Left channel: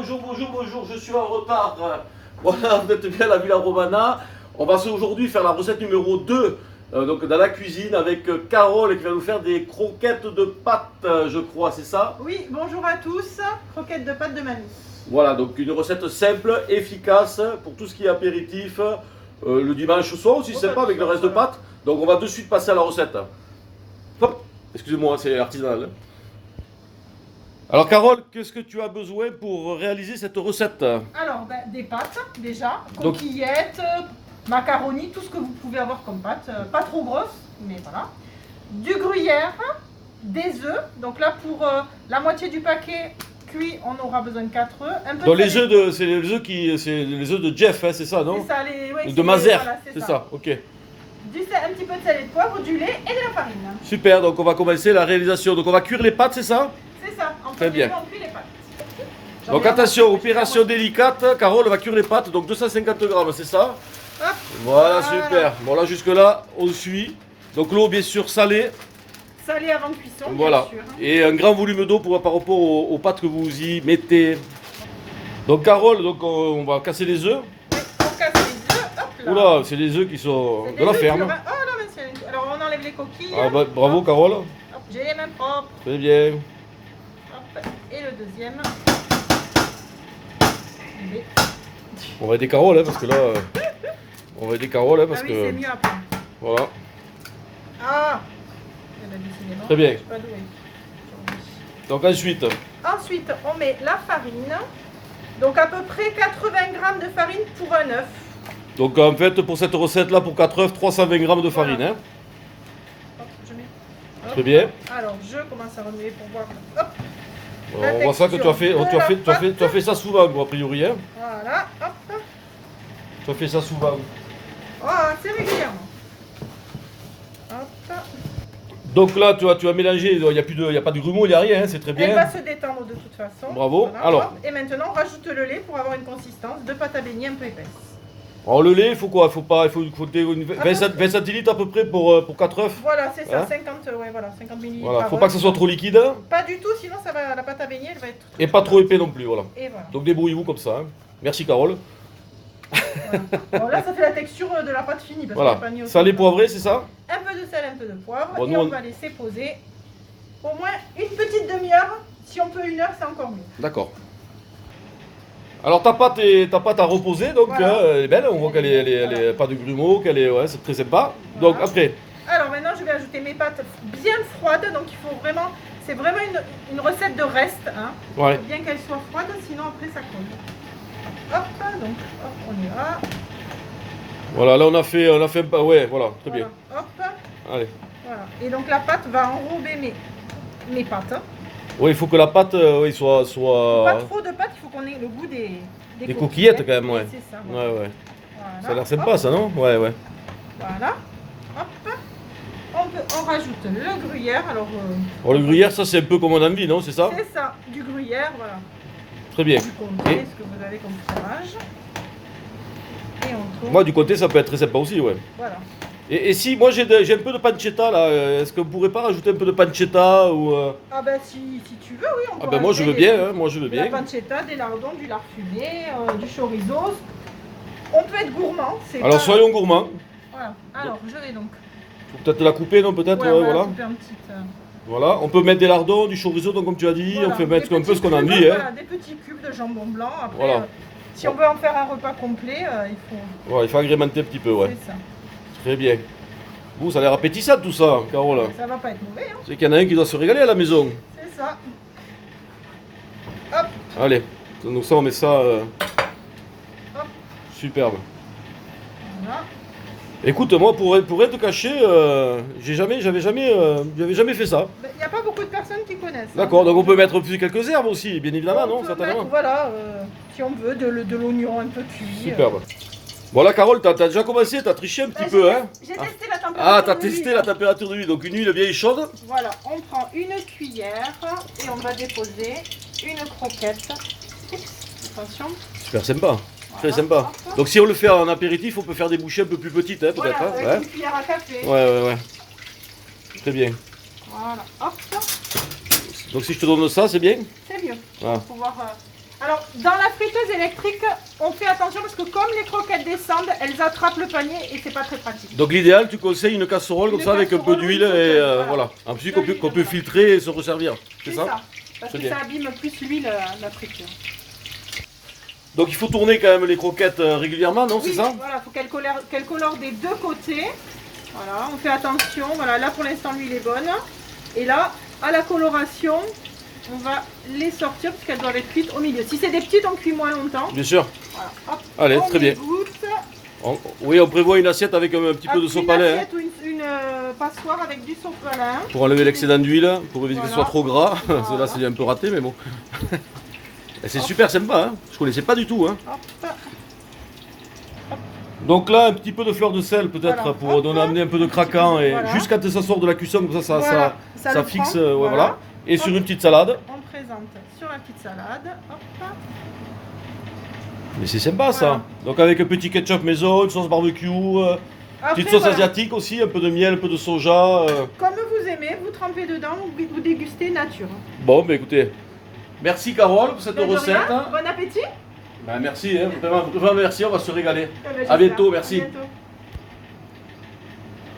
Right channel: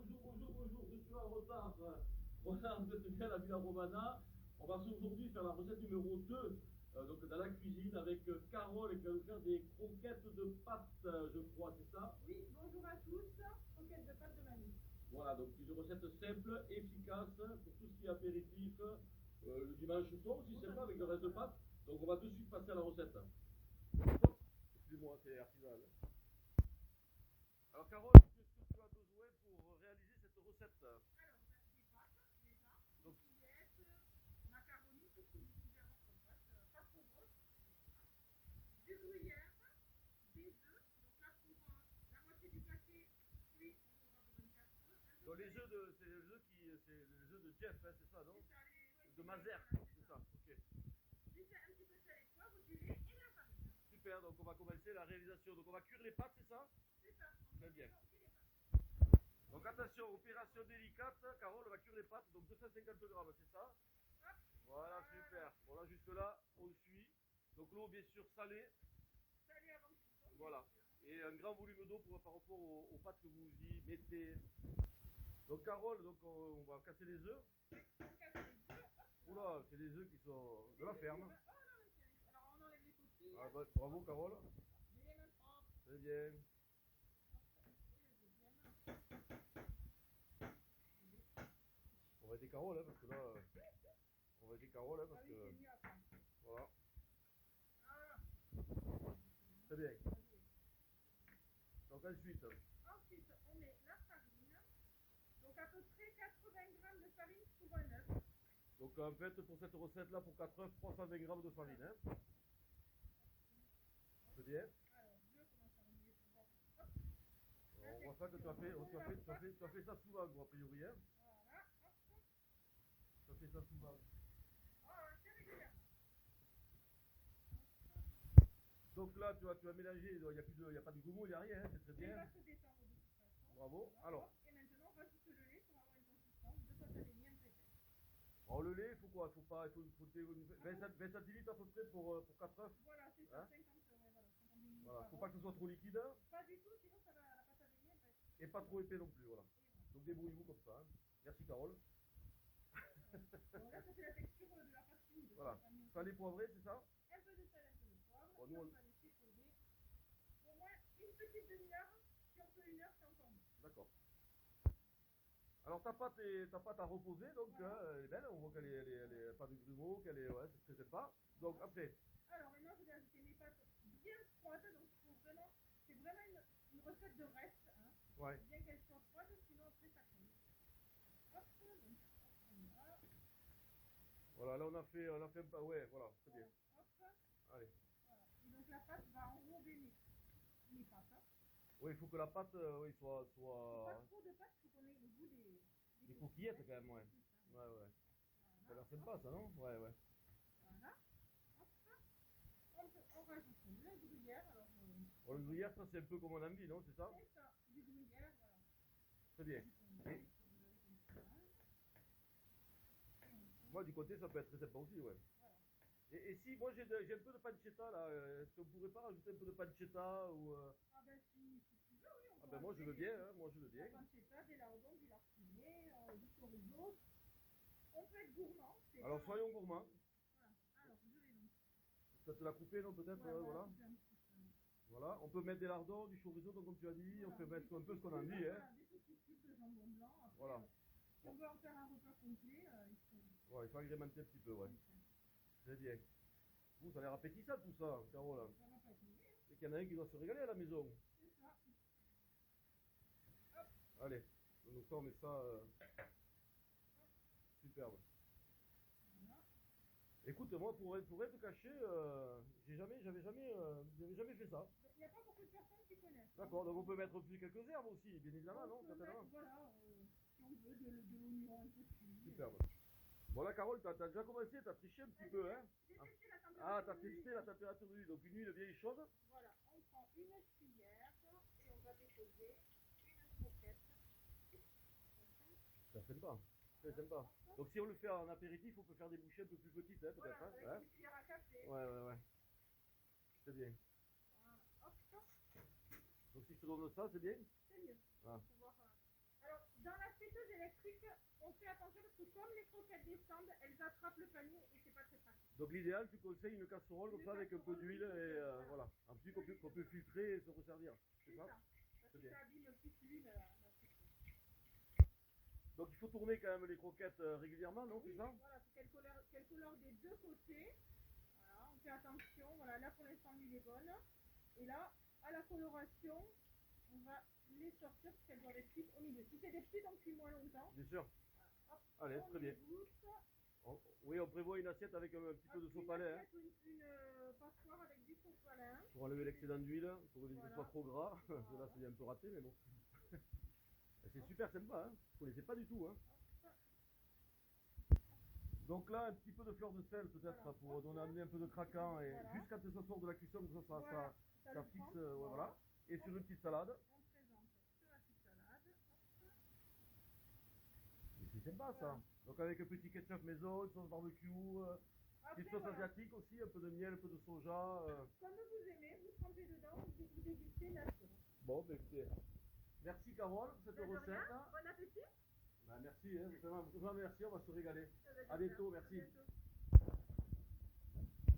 bonjour, je suis en retard. Voilà, vous êtes bien à la Villa Romana. On va aujourd'hui faire la recette numéro 2 donc dans la cuisine avec Carole qui va nous faire des croquettes de pâtes, je crois, c'est ça? Oui, bonjour à tous, croquettes de pâtes de mamie. Voilà, donc une recette simple, efficace pour tout ce qui est apéritif. Le dimanche soir aussi, c'est sympa avec le reste de pâtes. Donc on va de suite passer à la recette. Hop, excusez-moi, c'est artisanal. Alors Carole, qu'est-ce que tu as besoin pour réaliser cette recette? Alors, des pâtes déjà, coquillettes, macaronis, tout ce que vous pouvez avoir comme pâtes, pas trop grosses, mais voilà. Du gruyère, des œufs, donc là pour la moitié du paquet cuit, on aura besoin de 4 œufs. Un peu Donc de les œufs c'est les œufs de Jeff, hein, c'est ça, non? C'est ça, ouais, de Mazère, voilà, c'est ça, ok. Un petit peu de sel et de poivre, du lait et de la farine. Super, donc on va commencer la réalisation. Donc on va cuire les pâtes, c'est ça? C'est ça, Très bien. On cuit les pâtes. Donc attention, opération délicate, Carole va cuire les pâtes, donc 250 grammes, c'est ça? Hop. Voilà, super. Bon là jusque là, on suit. Donc l'eau bien sûr salée. Salée avant cuisson, voilà. bien sûr. Et un grand volume d'eau par rapport aux pâtes que vous y mettez. Donc Carole, donc on va casser les œufs. Oui, on casse les œufs, hop là. Oula, c'est des œufs qui sont de la ferme. Oh là, mais c'est... Alors on enlève les coquilles. Ah, bah, bravo hop. Carole. Hop, j'ai les mains propres. Très bien. Hop. Et le deuxième. On va aider Carole, hein, parce que là... on va aider Carole, hein, parce oui, que... c'est mieux après. Voilà. Ah, décidément, très bien. je suis pas douée. Donc ensuite... Ensuite, on met la farine. Donc à peu près 80 g de farine pour un œuf. Donc en fait, pour cette recette-là, pour 4 œufs, 320 g de farine. Voilà. Hein. Hop, je mets. Hop. Très bien. Alors, je commence à remuer pour voir. Hop. Alors, on voit ça que tu as fait ça souvent, a priori. Hein. Voilà, hop. Tu as fait ça souvent. Oh, c'est régulièrement. Hop. Donc là, tu as mélangé, il n'y a pas de grumeaux, il n'y a rien, hein, c'est très bien. Elle va se détendre de toute façon. Bravo. Voilà, alors. Hop. Et maintenant, on rajoute le lait pour avoir une consistance de pâte à beignet un peu épaisse. Alors le lait, il faut quoi? Il faut 20 centilitres à peu près pour 4 œufs. Voilà, c'est ça, hein? 50 ml. Voilà, faut pas que ce soit trop liquide. Hein. Pas du tout, sinon ça va, la pâte à beignet, elle va être... Et pas trop épais non plus, voilà. Et voilà. Donc débrouillez-vous comme ça. Hein. Merci Carole. Voilà. Bon, là, ça fait la texture de la pâte finie. Parce voilà, pas mis au salé centre. poivré, c'est ça? Un peu de sel, un peu de poivre. Bon, et on va laisser poser au moins une petite demi-heure. Si on peut 1 heure, c'est encore mieux. D'accord. Alors ta pâte a reposé, donc voilà. Elle est belle, on voit qu'elle est pas de grumeaux, ouais, c'est très sympa. Voilà. Donc après. Alors maintenant je vais ajouter mes pâtes bien froides, donc il faut vraiment, c'est vraiment une recette de reste, hein. Ouais. Il faut bien qu'elles soient froides, sinon après ça colle. Hop, donc hop, on y va. Voilà, là on a fait un pas, ouais, voilà, très bien. Hop. Allez. Voilà. Et donc la pâte va enrober mes pâtes. Oui, il faut que la pâte soit... Pas trop de pâte, il faut qu'on ait le goût des coquillettes quand même, ouais. C'est ça. Ouais, ouais. Voilà. Ça a l'air sympa, hop. ça, non? Ouais, ouais. Voilà. Hop. On rajoute le gruyère. Alors, le gruyère, ça c'est un peu comme on a envie, non? C'est ça? C'est ça, du gruyère, voilà. Très bien. Du comté, ce que vous avez comme fromage. Et on tourne. Moi, du côté, ça peut être très sympa aussi, ouais. Voilà. Et si, moi j'ai un peu de pancetta là, est-ce que vous pourrez pas rajouter un peu de pancetta ou... Ah ben si tu veux, oui, on peut. Ah ben moi je veux bien, hein, moi je veux bien. De la pancetta, des lardons, du lard fumé, du chorizo. On peut être gourmand. Alors pas... soyons gourmands. Voilà, alors je vais donc... Faut peut-être la couper, non? Peut-être, ouais, voilà. Couper un petit, Voilà, on peut mettre des lardons, du chorizo, donc comme tu as dit, voilà, on peut mettre un peu ce qu'on a cubes, envie. voilà, Hein. des petits cubes de jambon blanc. Après, voilà. Si on veut en faire un repas complet, il faut... Ouais, il faut agrémenter un petit peu, ouais. C'est ça. Très bien. Vous, ça a l'air appétissant tout ça, Carole. Ça va pas être mauvais, hein. C'est qu'il y en a un qui doit se régaler à la maison. C'est ça. Hop. Allez, donc ça on met ça... Hop. Superbe. Voilà. Écoute, moi pour rien te cacher, j'avais jamais fait ça. Il n'y a pas beaucoup de personnes qui connaissent. D'accord, hein. donc on peut mettre plus quelques herbes aussi, bien évidemment, non? On peut Certainement. mettre, voilà, si on veut, de l'oignon un peu cuit. Superbe. Bon là Carole, t'as déjà commencé, t'as triché un petit peu, hein? J'ai testé la température. Ah, t'as de testé l'huile. la température de l'huile, donc une huile bien chaude. Voilà, on prend une cuillère et on va déposer une croquette. Oups, attention. Super sympa, très Voilà, sympa. hop. Donc si on le fait en apéritif, on peut faire des bouchées un peu plus petites, hein, Voilà, peut-être. avec Hein? une cuillère à café. Ouais. Très bien. Voilà, hop, Donc si je te donne ça, c'est bien? c'est mieux. Ah. Pour pouvoir, Alors, dans la friteuse électrique, on fait attention parce que comme les croquettes descendent, elles attrapent le panier et c'est pas très pratique. Donc l'idéal, tu conseilles une casserole comme Une ça avec un peu casserole, d'huile une et friteuse, voilà. En plus De qu'on peut, l'huile, qu'on peut voilà. filtrer et se resservir. C'est ça? Parce C'est que bien. ça abîme plus l'huile, la friture. Donc il faut tourner quand même les croquettes régulièrement, non? C'est Oui, ça? voilà, il faut qu'elle colore des deux côtés. Voilà, on fait attention. Voilà, là pour l'instant l'huile est bonne. Et là, à la coloration, on va les sortir parce qu'elles doivent être cuites au milieu. Si c'est des petites, on cuit moins longtemps. Bien sûr. Voilà, hop, Allez, on très bien. égoutte. Oui, on prévoit une assiette avec un petit peu de sopalin. Une assiette ou une passoire avec du sopalin. Pour enlever l'excédent d'huile, pour éviter que ce soit Voilà. trop gras. Voilà. Là, c'est un peu raté, mais bon. Et c'est super sympa, hein. Je connaissais pas du tout. Hein. Hop. Donc là, un petit peu de fleur de sel peut-être Voilà. pour Hop. donner amener un peu de craquant et Voilà. juste quand ça sort de la cuisson, comme ça, Voilà, ça le fixe. prend. Ouais, voilà. Et Hop. sur une petite salade. On présente sur la petite salade. Hop. Mais c'est sympa ça. Voilà. Donc avec un petit ketchup maison, une sauce barbecue, Après, petite sauce voilà. asiatique aussi, un peu de miel, un peu de soja. Comme vous aimez, vous trempez dedans, vous dégustez nature. Bon, bah écoutez, merci Carole pour cette De recette. rien. Bon appétit. Ben, merci, hein, vraiment, vraiment merci, on va se régaler. Eh ben, À j'espère. bientôt, merci. À bientôt.